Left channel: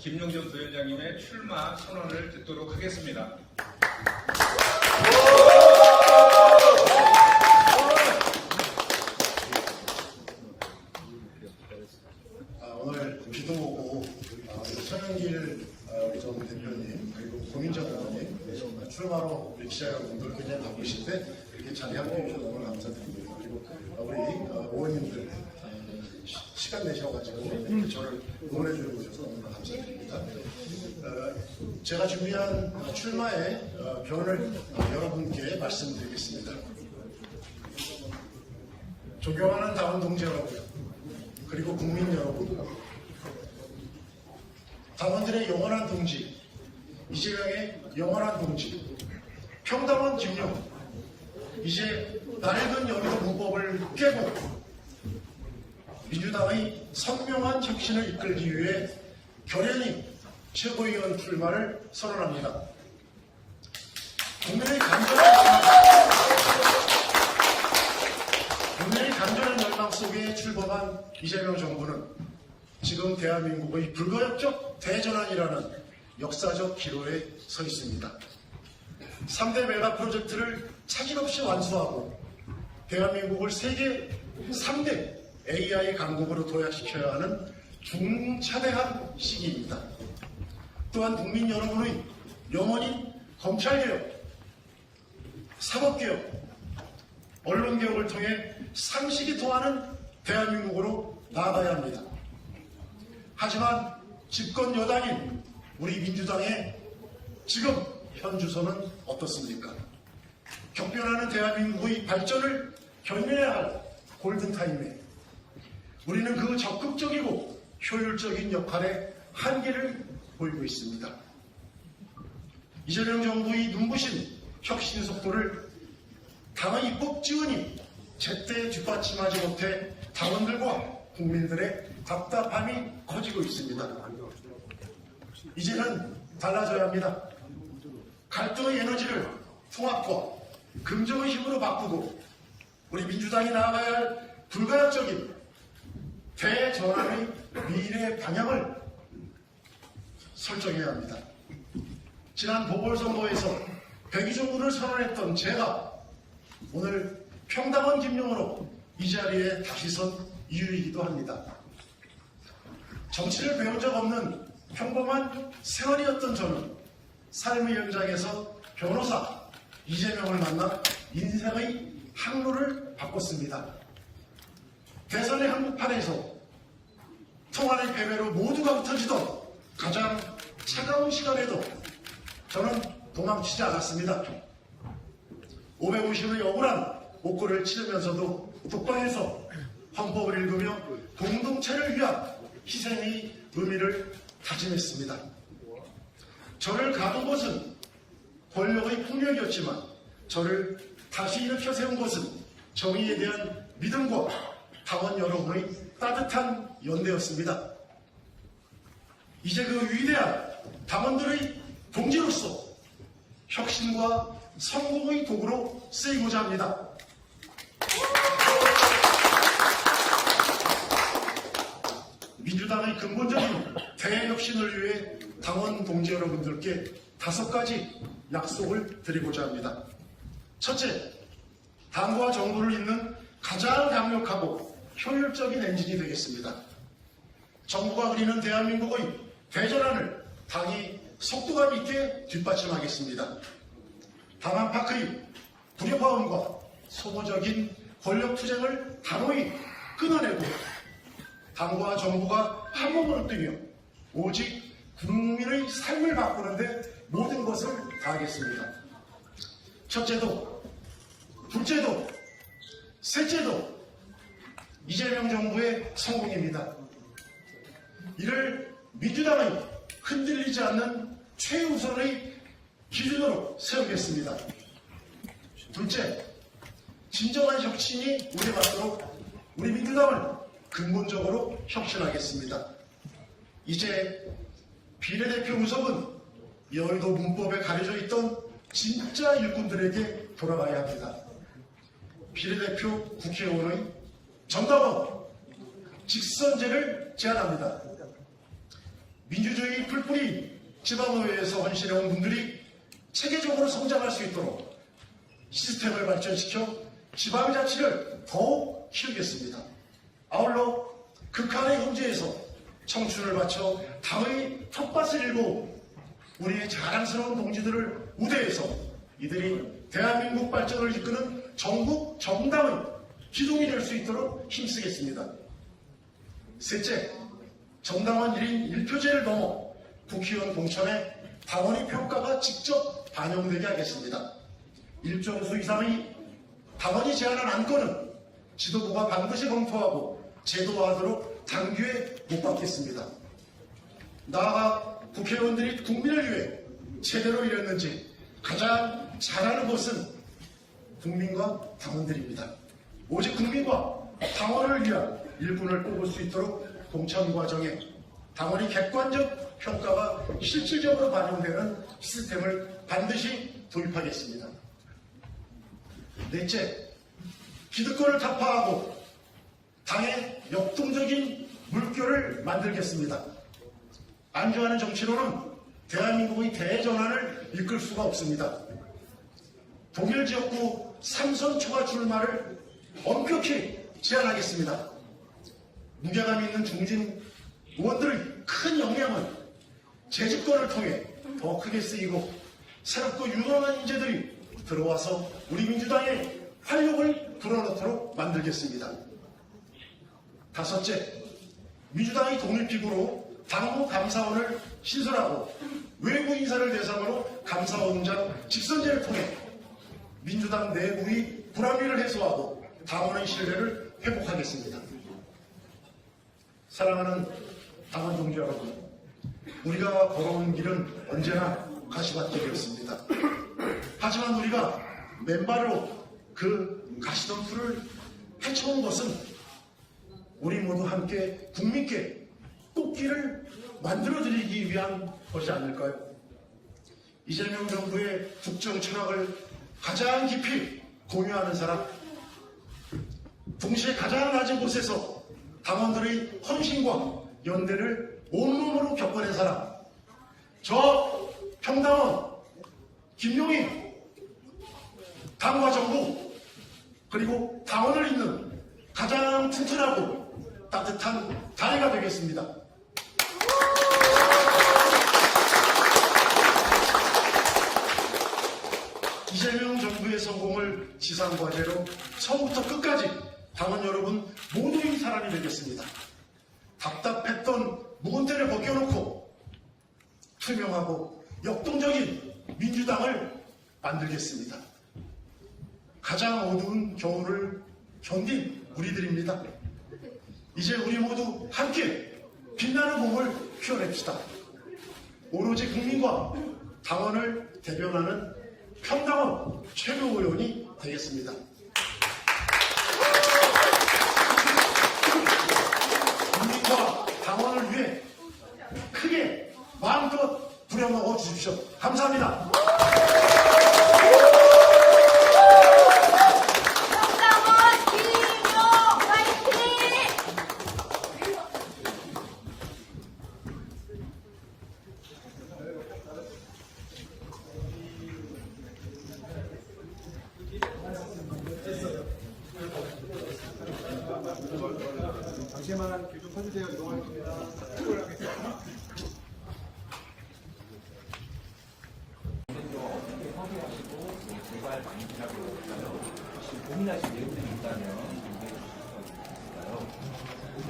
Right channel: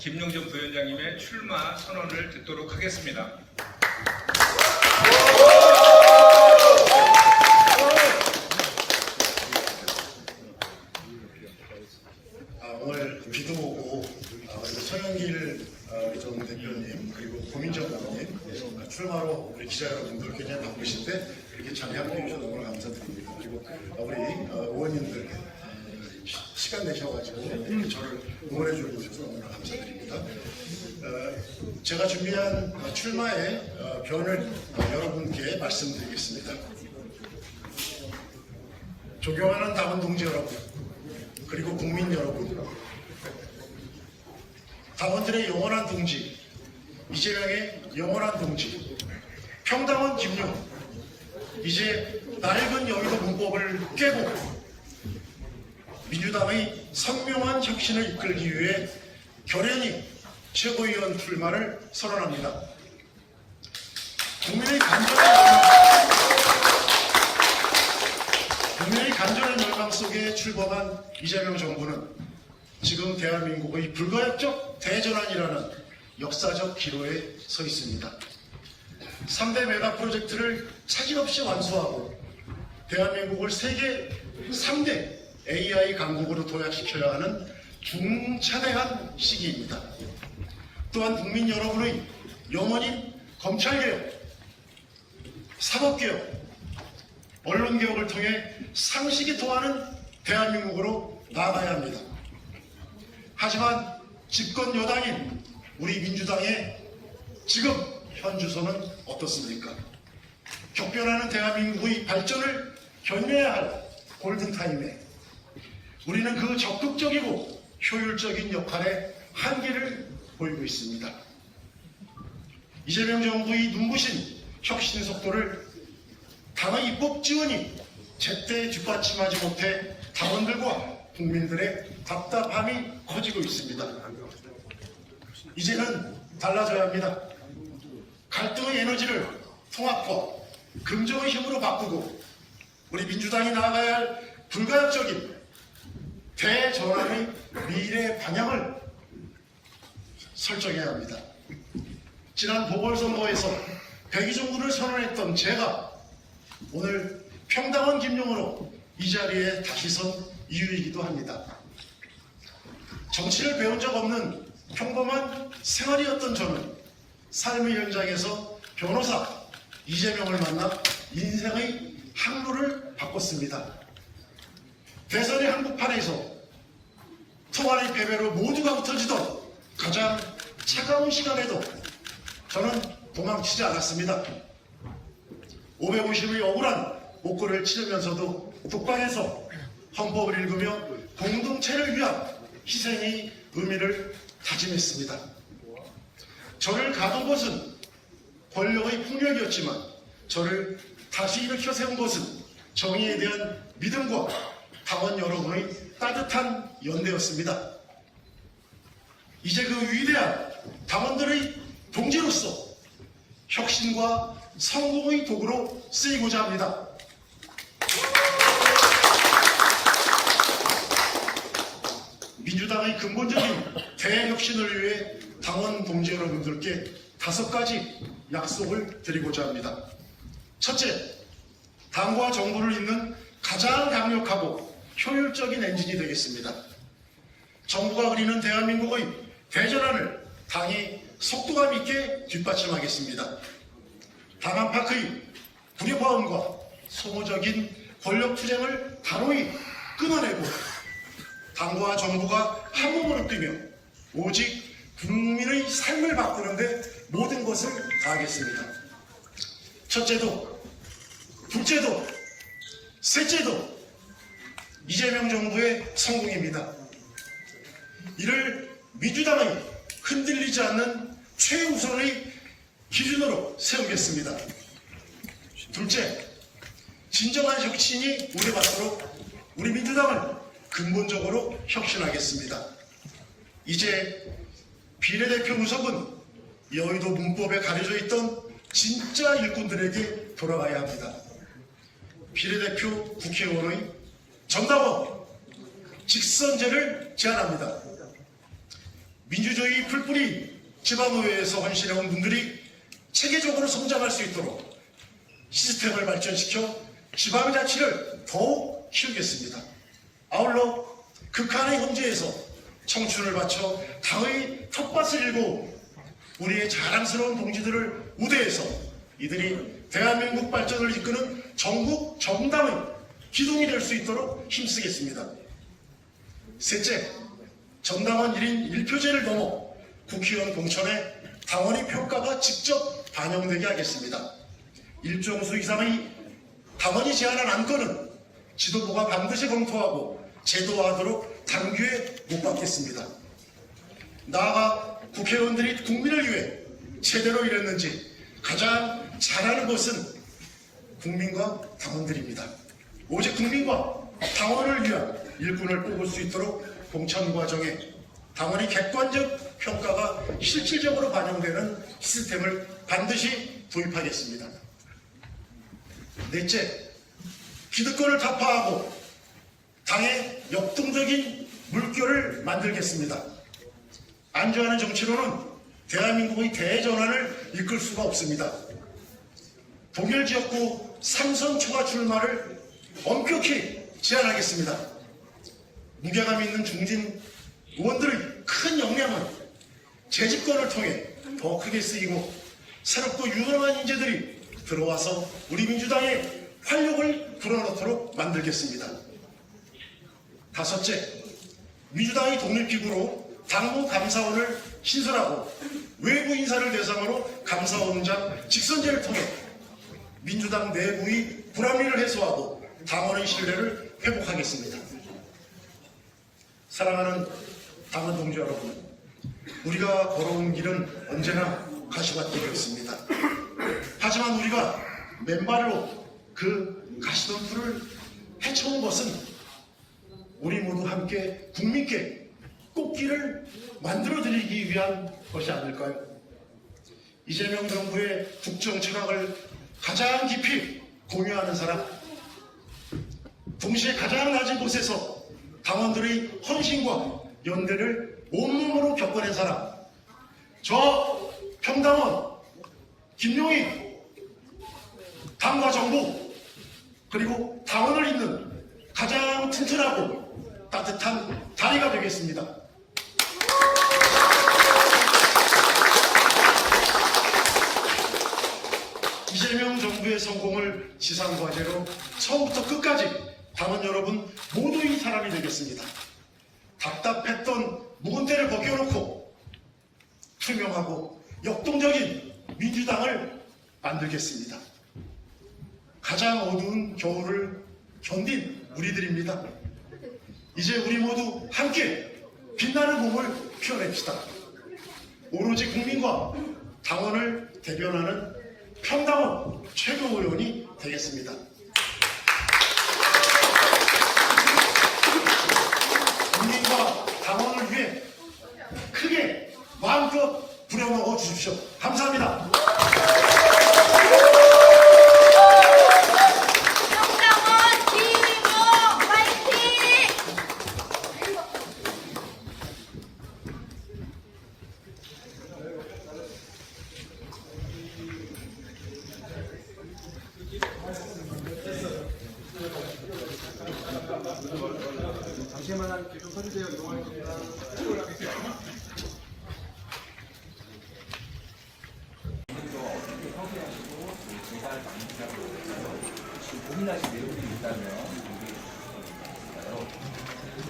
김용전 부위원장님의 출마 선언을 듣도록 하겠습니다. 오늘 비도 오고 서영길 전 대표님 그리고 고민정 의원님 출마로 우리 기자 여러분들 굉장히 바쁘신데 이렇게 자리함께 해주셔서 너무 감사드립니다. 그리고 우리 의원님들 시간 내셔가지고 저를 응원해 주고 오셔서 너무 감사드립니다. 제가 준비한 출마의 변을 여러분께 말씀드리겠습니다. 존경하는 당원 동지 여러분, 그리고 국민 여러분, 당원들의 영원한 동지, 이재명의 영원한 동지, 평당원 김용, 이제 낡은 여의도 문법을 깨고 민주당의 선명한 혁신을 이끌기 위해 결연히 최고위원 출마를 선언합니다. 국민의 간절한 열망 속에 출범한 이재명 정부는 지금 대한민국의 불가역적 대전환이라는 역사적 기로에 서 있습니다. 3대 메가 프로젝트를 차질없이 완수하고 대한민국을 세계 3대 AI 강국으로 도약시켜야 하는 중차대한 시기입니다. 또한 국민 여러분의 영원인 검찰개혁, 사법개혁, 언론개혁을 통해 상식이 통하는 대한민국으로 나아가야 합니다. 하지만 집권 여당인 우리 민주당의 지금 현 주소는 어떻습니까? 격변하는 대한민국의 발전을 견뎌야 할 골든타임에 우리는 그 적극적이고 효율적인 역할에 한계를 보이고 있습니다. 이재명 정부의 눈부신 혁신 속도를 당의 입법 지원이 제때 뒷받침하지 못해 당원들과 국민들의 답답함이 커지고 있습니다. 이제는 달라져야 합니다. 갈등의 에너지를 통합과 긍정의 힘으로 바꾸고 우리 민주당이 나아가야 할 불가역적인 대전환의 미래 방향을 설정해야 합니다. 지난 보궐선거에서 백의종군을 선언했던 제가 오늘 평당원 김용으로 이 자리에 다시 선 이유이기도 합니다. 정치를 배운 적 없는 평범한 생활이었던 저는 삶의 현장에서 변호사 이재명을 만나 인생의 항로를 바꿨습니다. 대선의 한복판에서 통화의 패배로 모두가 흩어지던 가장 차가운 시간에도 저는 도망치지 않았습니다. 550의 억울한 목골을 치르면서도 국방에서 헌법을 읽으며 공동체를 위한 희생의 의미를 다짐했습니다. 저를 가둔 것은 권력의 폭력이었지만 저를 다시 일으켜 세운 것은 정의에 대한 믿음과 당원 여러분의 따뜻한 연대였습니다. 이제 그 위대한 당원들의 동지로서 혁신과 성공의 도구로 쓰이고자 합니다. 민주당의 근본적인 대혁신을 위해 당원 동지 여러분들께 5가지 약속을 드리고자 합니다. 첫째, 당과 정부를 잇는 가장 강력하고 효율적인 엔진이 되겠습니다. 정부가 그리는 대한민국의 대전환을 당이 속도감 있게 뒷받침하겠습니다. 다만파크의 굴욕화음과 소모적인 권력투쟁을 단호히 끊어내고 당과 정부가 한 몸으로 뛰며 오직 국민의 삶을 바꾸는데 모든 것을 다하겠습니다. 첫째도, 둘째도, 셋째도 이재명 정부의 성공입니다. 이를 민주당의 흔들리지 않는 최우선의 기준으로 세우겠습니다. 둘째, 진정한 혁신이 우려받도록 우리 민주당은 근본적으로 혁신하겠습니다. 이제 비례대표 구석은 여의도 문법에 가려져 있던 진짜 일꾼들에게 돌아가야 합니다. 비례대표 국회의원의 전당원 직선제를 제안합니다. 민주주의 풀뿌리 지방의회에서 헌신해온 분들이 체계적으로 성장할 수 있도록 시스템을 발전시켜 지방자치를 더욱 키우겠습니다. 아울러 극한의 현재에서 청춘을 바쳐 당의 텃밭을 일고 우리의 자랑스러운 동지들을 우대해서 이들이 대한민국 발전을 이끄는 전국 정당의 기둥이 될 수 있도록 힘쓰겠습니다. 셋째, 정당원 1인 1표제를 넘어 국회의원 공천에 당원의 평가가 직접 반영되게 하겠습니다. 일정수 이상의 당원이 제안한 안건은 지도부가 반드시 검토하고 제도화하도록 당규에 못 박겠습니다. 나아가 국회의원들이 국민을 위해 제대로 일했는지 가장 잘하는 것은 국민과 당원들입니다. 오직 국민과 당원을 위한 일꾼을 뽑을 수 있도록 공천 과정에 당원의 객관적 평가가 실질적으로 반영되는 시스템을 반드시 도입하겠습니다. 넷째, 기득권을 타파하고 당의 역동적인 물결을 만들겠습니다. 안주하는 정치로는 대한민국의 대전환을 이끌 수가 없습니다. 동일 지역구 3선 초과 출마를 엄격히 제한하겠습니다. 무게감 있는 중진 의원들의 큰 역량은 재집권을 통해 더 크게 쓰이고 새롭고 유능한 인재들이 들어와서 우리 민주당의 활력을 불어넣도록 만들겠습니다. 다섯째, 민주당의 독립기구로 당무 감사원을 신설하고 외부 인사를 대상으로 감사원장 직선제를 통해 민주당 내부의 불합리를 해소하고 당원의 신뢰를 회복하겠습니다. 사랑하는 당원 동지 여러분, 우리가 걸어온 길은 언제나 가시밭길이었습니다. 하지만 우리가 맨발로 그 가시덤불을 헤쳐온 것은 우리 모두 함께 국민께 꽃길을 만들어드리기 위한 것이 아닐까요? 이재명 정부의 국정 철학을 가장 깊이 공유하는 사람, 동시에 가장 낮은 곳에서 당원들의 헌신과 연대를 온몸으로 겪어낸 사람, 저 평당원 김용희 당과 정부 그리고 당원을 잇는 가장 튼튼하고 따뜻한 다리가 되겠습니다. 이재명 정부의 성공을 지상과제로 처음부터 끝까지 당원 여러분 모두의 사람이 되겠습니다. 답답했던 묵은 때를 벗겨놓고 투명하고 역동적인 민주당을 만들겠습니다. 가장 어두운 겨울을 견딘 우리들입니다. 이제 우리 모두 함께 빛나는 봄을 피워냅시다. 오로지 국민과 당원을 대변하는 평당원 최고위원이 되겠습니다. 국민과 당원을 위해 크게 마음껏 부려먹어 주십시오. 감사합니다. 잠시만 서주세요. 이동하겠습니다. 고민하신 내용이 있다면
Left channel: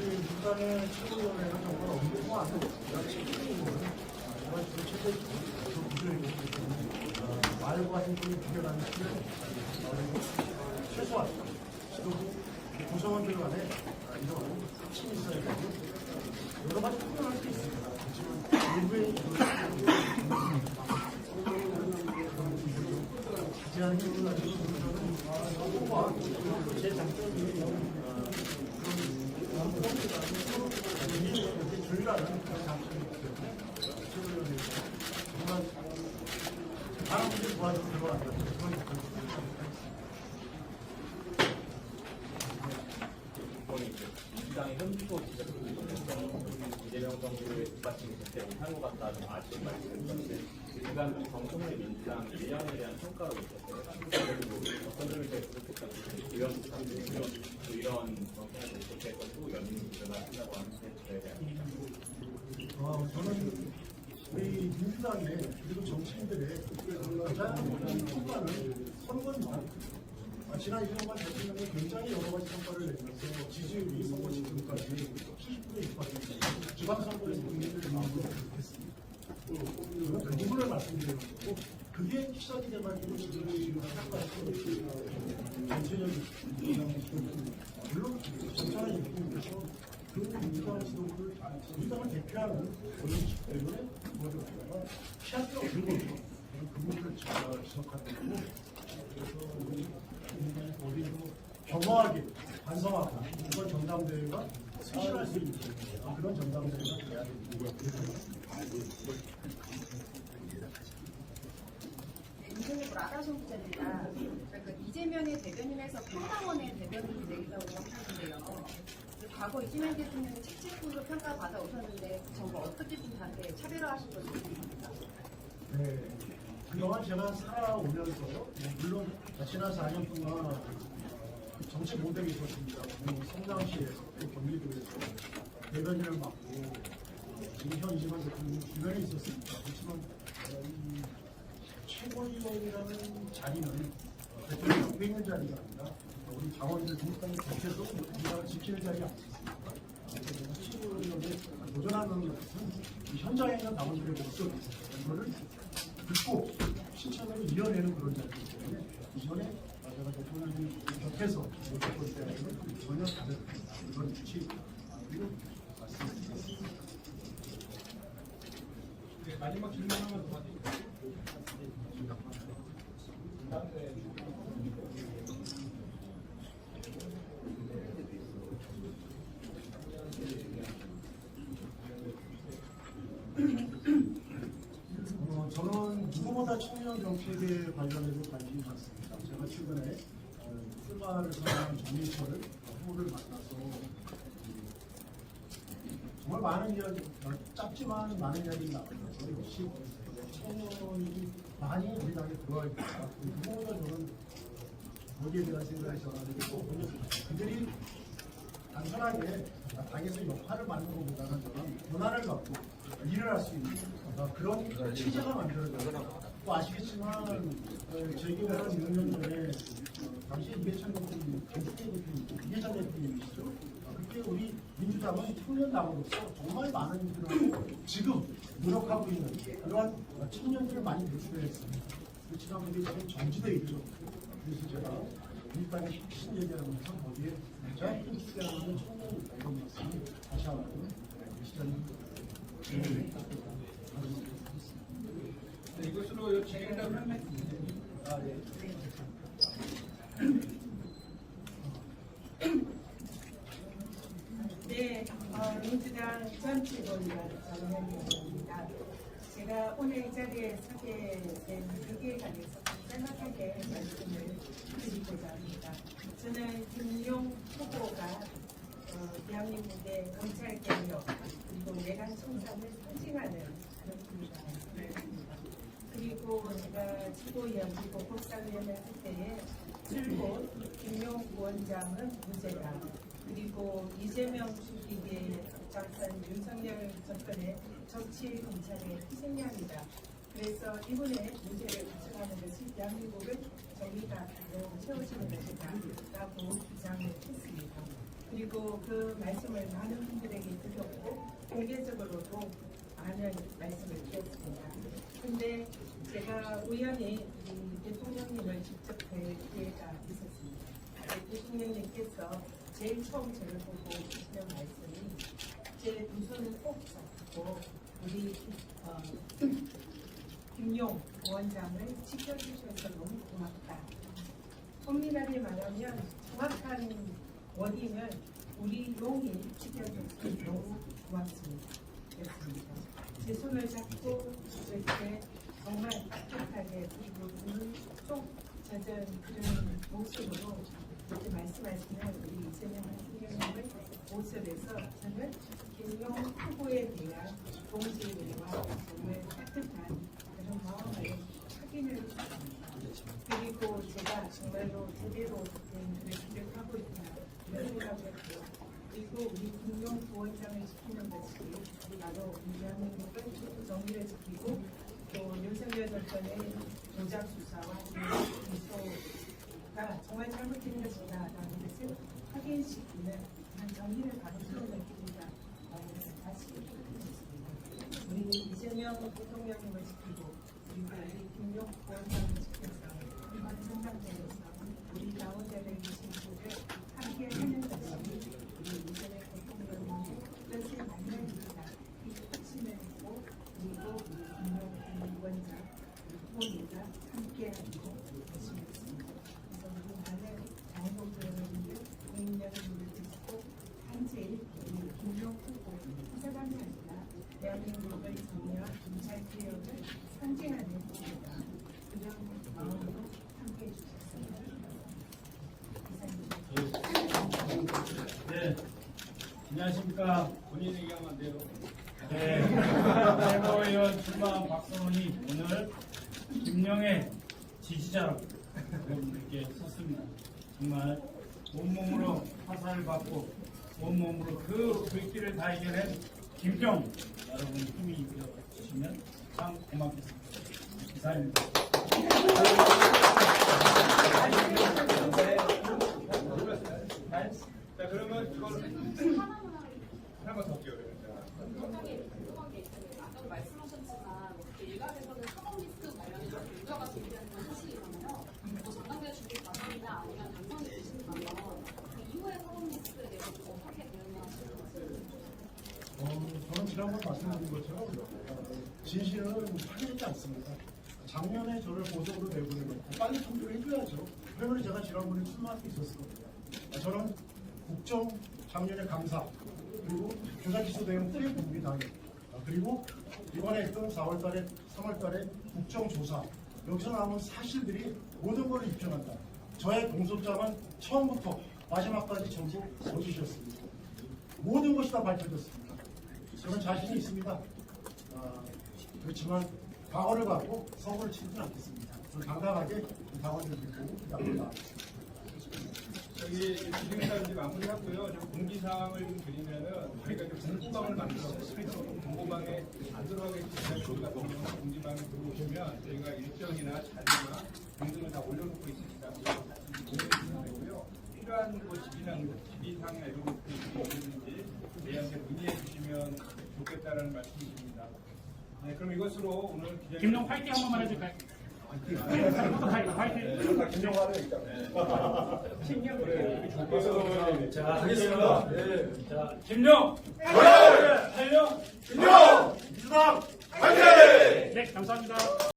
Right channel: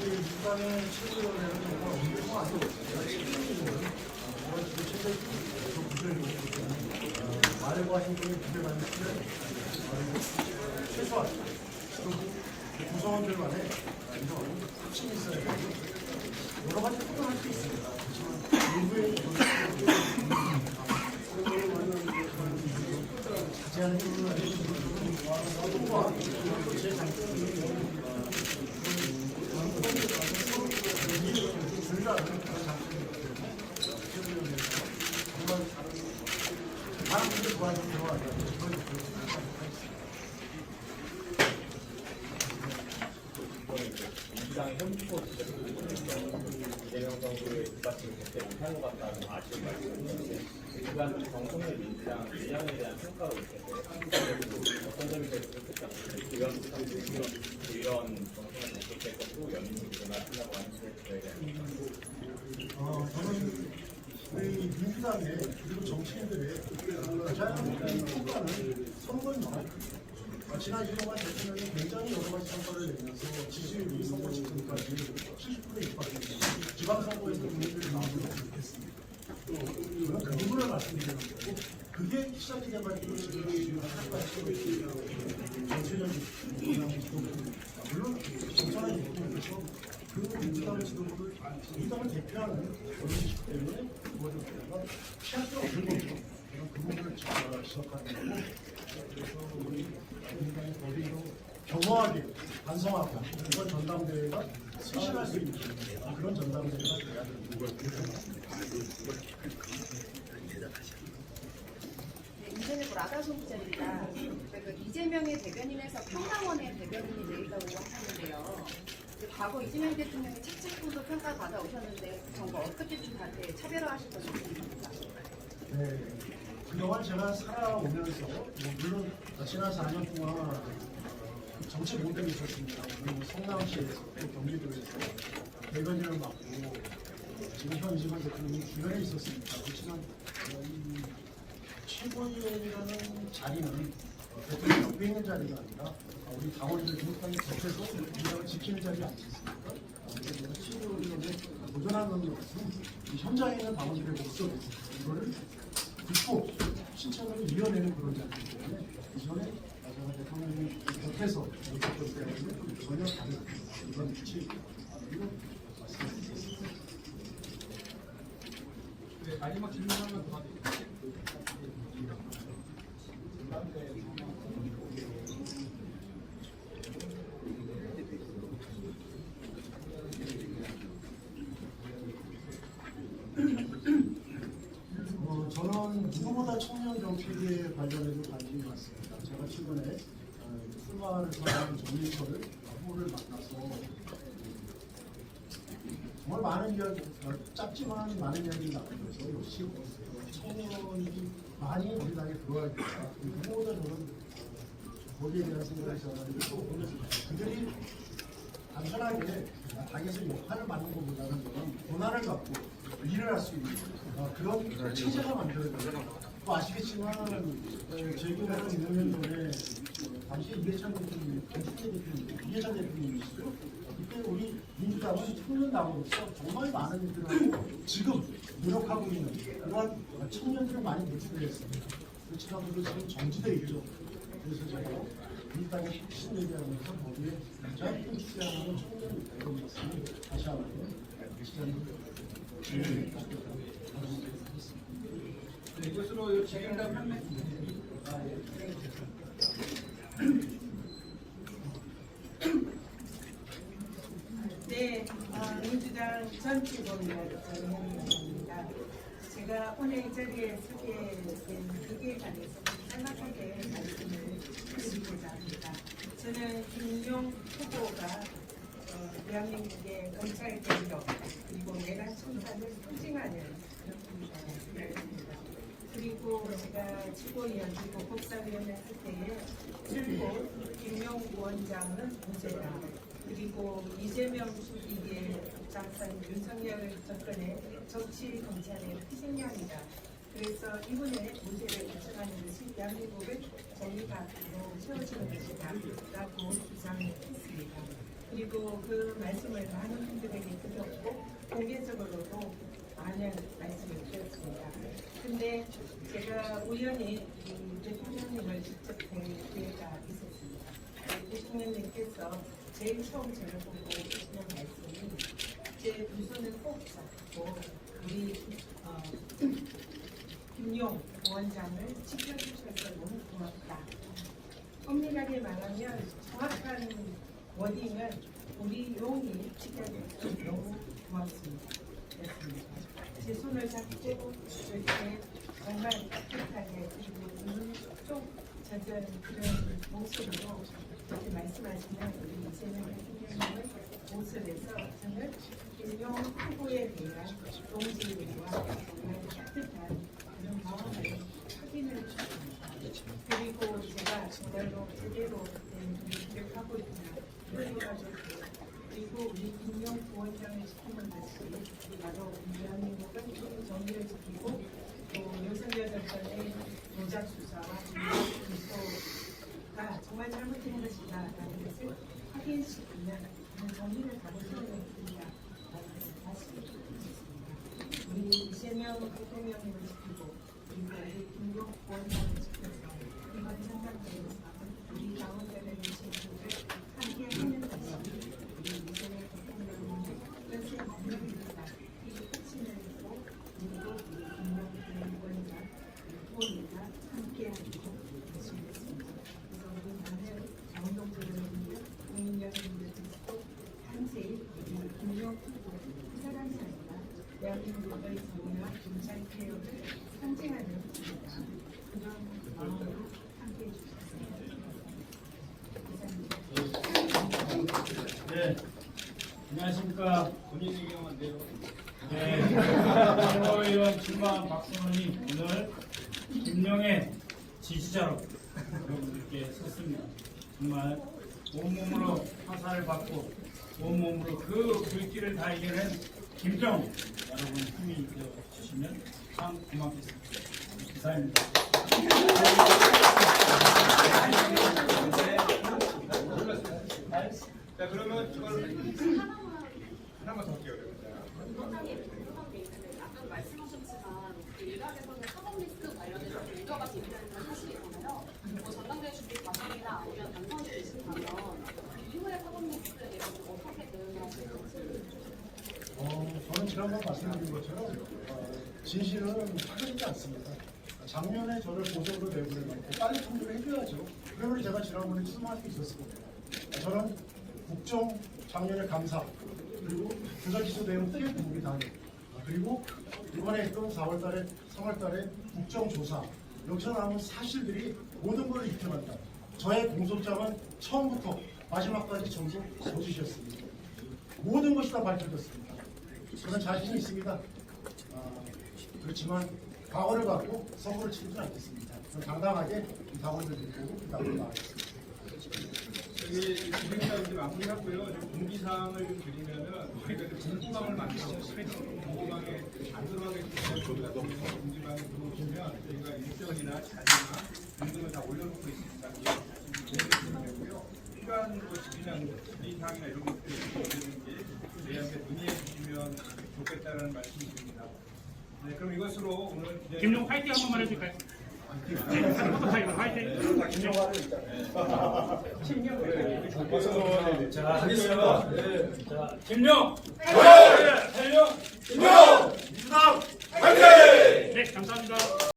일단은 친구들은 정말 없는 거 아니고 말과 행동이 비교하는 것은 최소한 구성원들 간에 이런 확신이 있어야 되고 여러 가지 표현할 수 있습니다. 하지만 일부의 자세한 부분을 제 장점이 줄이라는 장점이 정말 다른 분들 도와주고 들어가는 민주당의 현주소 이재명 정부의 그때 못한 것 같다는 아쉬운 말씀이셨는데 그간 정성의 민주당 일량에 대한 평가로 있었어요. 어떤 점이 제일 부족했다고 이런 정성을 부족해서 또 연민을 일어나신다고 하는데 저에 대한 저는 우리 민주당의 그리고 정치인들의 가장 큰 평가는 선거입니다. 지난 2년간 대통령이 굉장히 여러 가지 성과를 내면서 지지율이 선거 직전까지 70%에 육박했습니다. 지방선거에서 국민들이 나오도록 했습니다. 저는 그 부분을 말씀드리는 거고 그게 시작이 돼가지고 지금 하나까지 전체적인 민주당 지도부 물론 정찬환 대통령께서 그 민주당 지도부를 민주당을 대표하는 원인이기 때문에 그거를 갖다가 피할 수 없는 거죠. 그 부분을 제가 지적하는 거고 그래서 우리 민주당의 거리로 겸허하게 반성하고 이번 전당대회가 수신할 수 있는 그런 전당대회가 돼야 되는 걸 생각합니다. 인터넷 라다송 기자입니다. 이재명의 대변인에서 평당원의 대변인이 내리라고 하는데요. 과거 이재명 대통령이 책찍구도 평가받아 오셨는데 그 정보 어떻게 좀 다르게 차별화하신 것인지 궁금합니다. 네. 그동안 제가 살아오면서 물론 지난 4년 동안 정책 모델이 있었습니다. 성남시에서 또 경기도에서 대변인을 맡고 지금 현 이재명 대통령이 주변에 있었습니다. 그렇지만 이 최고위원이라는 자리는 대통령 옆에 있는 자리가 아니라 우리 당원들 중간에 겹쳐서 민주당을 지키는 자리 아니겠습니까? 그래서 제가 최고위원에 도전하는 것은 이 현장에 있는 당원들의 목소리 이거를 듣고 실천으로 이어내는 그런 자리이기 때문에 이전에 제가 대통령이 곁에서 못했던 때와는 전혀 다른 그런 위치입니다. 이거 말씀드리겠습니다. 네, 마지막 질문 하나만 더 받을게요. 저는 누구보다 청년 정책에 관련해서 관심이 많습니다. 제가 최근에 출마를 선언한 정민철을 후보를 만나서 정말 많은 이야기, 짧지만 많은 이야기를 나누면서 역시 청년이 많이 우리 당에 들어와야겠다. 누구보다 저는 거기에 대한 생각이 전하고 그들이 단순하게 당에서 역할을 맡는 것보다는 저는 권한을 갖고 일을 할 수 있는 그런 체제가 만들어져요. 또 아시겠지만 제 기억에는 6년 전에 당시 이해찬 대통령, 이해찬 대통령이시죠. 그때 우리 민주당은 청년당으로서 정말 많은 일을 하고 지금 노력하고 있는 그러한 청년들을 많이 배출했습니다. 그렇지만 그게 지금 정지되어 있죠. 그래서 제가 민주당의 혁신 얘기하면서 거기에 가장 큰 축제하는 청년 이런 말씀을 다시 한번 시장님 이것으로 진행된 네, 민주당 전체본위원 전현희입니다. 제가 오늘 이 자리에 서게 된 계기에 관해서 짤막하게 말씀을 드리고자 합니다. 저는 김용 후보가 대한민국의 검찰개혁 그리고 내란 청산을 상징하는 그런 분이라고 생각합니다. 그리고 제가 최고위원 그리고 법사위원을 할 때에 줄곧 김용 부원장은 무죄다. 그리고 이재명 수직의 앞장선 윤석열 정권의 정치 검찰의 희생양이다. 그래서 이분의 문제를 가져가는 것이 대한민국을 정의감으로 세워지는 것이다 라고 주장을 했습니다. 그리고 그 말씀을 많은 분들에게 드렸고 공개적으로도 많은 말씀을 드렸습니다. 근데 제가 우연히 이 대통령님을 직접 뵐 기회가 있었습니다. 대통령님께서 제일 처음 저를 보고 하시는 말씀이 제 두 손을 꼭 잡고 우리 김용 부원장을 지켜주셔서 너무 고맙다. 엄밀하게 말하면 정확한 워딩은 우리 용이 지켜줘서 너무 고맙습니다. 그렇습니다. 제 손을 잡고 이렇게 정말 따뜻하게 그리고 눈 쪽 젖은 그런 목소리로 이렇게 말씀하시는 우리 이재명 대통령님의 모습에서 저는 김용 후보에 대한 동지와 정말 따뜻한 그런 마음을 확인을 주셨습니다. 그리고 제가 정말로 제대로 된 기획을 하고 있다 이런 생각을 했고, 그리고 우리 김용 부원장을 지키는 것이 바로 우리 대한민국을 정의를 지키고 또 윤석열 정권의 조작 수사와 기소가 정말 잘못된 것이다라는 것을 확인시키는 그런 정의를 가로세우는 일이다라는 것을 다시 말씀드리겠습니다. 우리 이재명 대통령님을 지키고 그리고 우리 김용 부원장을 지켜서 이번 선거대에서 우리 당원들의 민심을 함께 하는 것이 우리 이재명 대통령님의 연쇄 만남입니다. 이 확신을 했고 그리고 우리 김용 부원장 후보님과 함께하고 계시겠습니다. 그래서 우리 많은 당독자분들, 국민여러분들께서도 단지 우리 김용 후보 한 사람이 아니라 대한민국의 정의와 검찰 개혁을 상징하는 분이다. 그런 마음으로 함께해 주셨습니다. 이상입니다. 네, 안녕하십니까. 본인 얘기하면 안 돼요. 네, 최고위원 출마한 박선원이 오늘 김용의 지지자로 여러분들께 섰습니다. 정말 온몸으로 화살을 받고 온몸으로 그 불길을 다 이겨낸 김정 여러분 힘이 되어 주시면 참 고맙겠습니다. 이상입니다. 자, 그러면 그걸 하나만 더 할게요. 아까 말씀하셨지만 일각에서는 사법 리스크 관련해서 우려가 제기되는 건 사실이잖아요. 전당대회 준비 과정이나 아니면 당선이 되신다면 그 이후에 사법 리스크에 대해서 어떻게 대응하실 건지. 저는 지난번 말씀드린 것처럼 진실은 파괴되지 않습니다. 작년에 저를 보석으로 내보내놓고 빨리 통보를 해줘야죠. 그러면 제가 지난번에 출마할 수 있었을 겁니다. 저는 국정 작년에 감사 그리고 조작 기소 내용 뜨개 부분이 당해요. 그리고 이번에 했던 4월달에 3월달에 국정조사 여기서 나온 사실들이 모든 걸 입혀낸다. 저의 공소장은 처음부터 마지막까지 전부 거짓이었습니다. 모든 것이 다 밝혀졌습니다. 저는 자신이 있습니다. 그렇지만 과거를 갖고 선거를 치르지 않겠습니다. 저는 당당하게 당원들을 보고 그 앞으로 나가겠습니다. 저희 진행자 이제 마무리하고요. 좀 공지사항을 좀 드리면은 저희가 이제 공고방을 만들어서 공고방에 안 들어가게 되면 저희 같은 경우는 공지방에 들어오시면 저희가 일정이나 자료나 등등을 다 올려놓고 있습니다. 보내주시면 되고요. 필요한 뭐 질의사항이나 이런 것들이 있는지 저희한테 문의해 주시면 좋겠다라는 말씀이십니다. 네, 그럼 이것으로 오늘 기자 김용 파이팅 한 번만 해줄까요? 파이팅. 자, 하겠습니다. 자, 김용!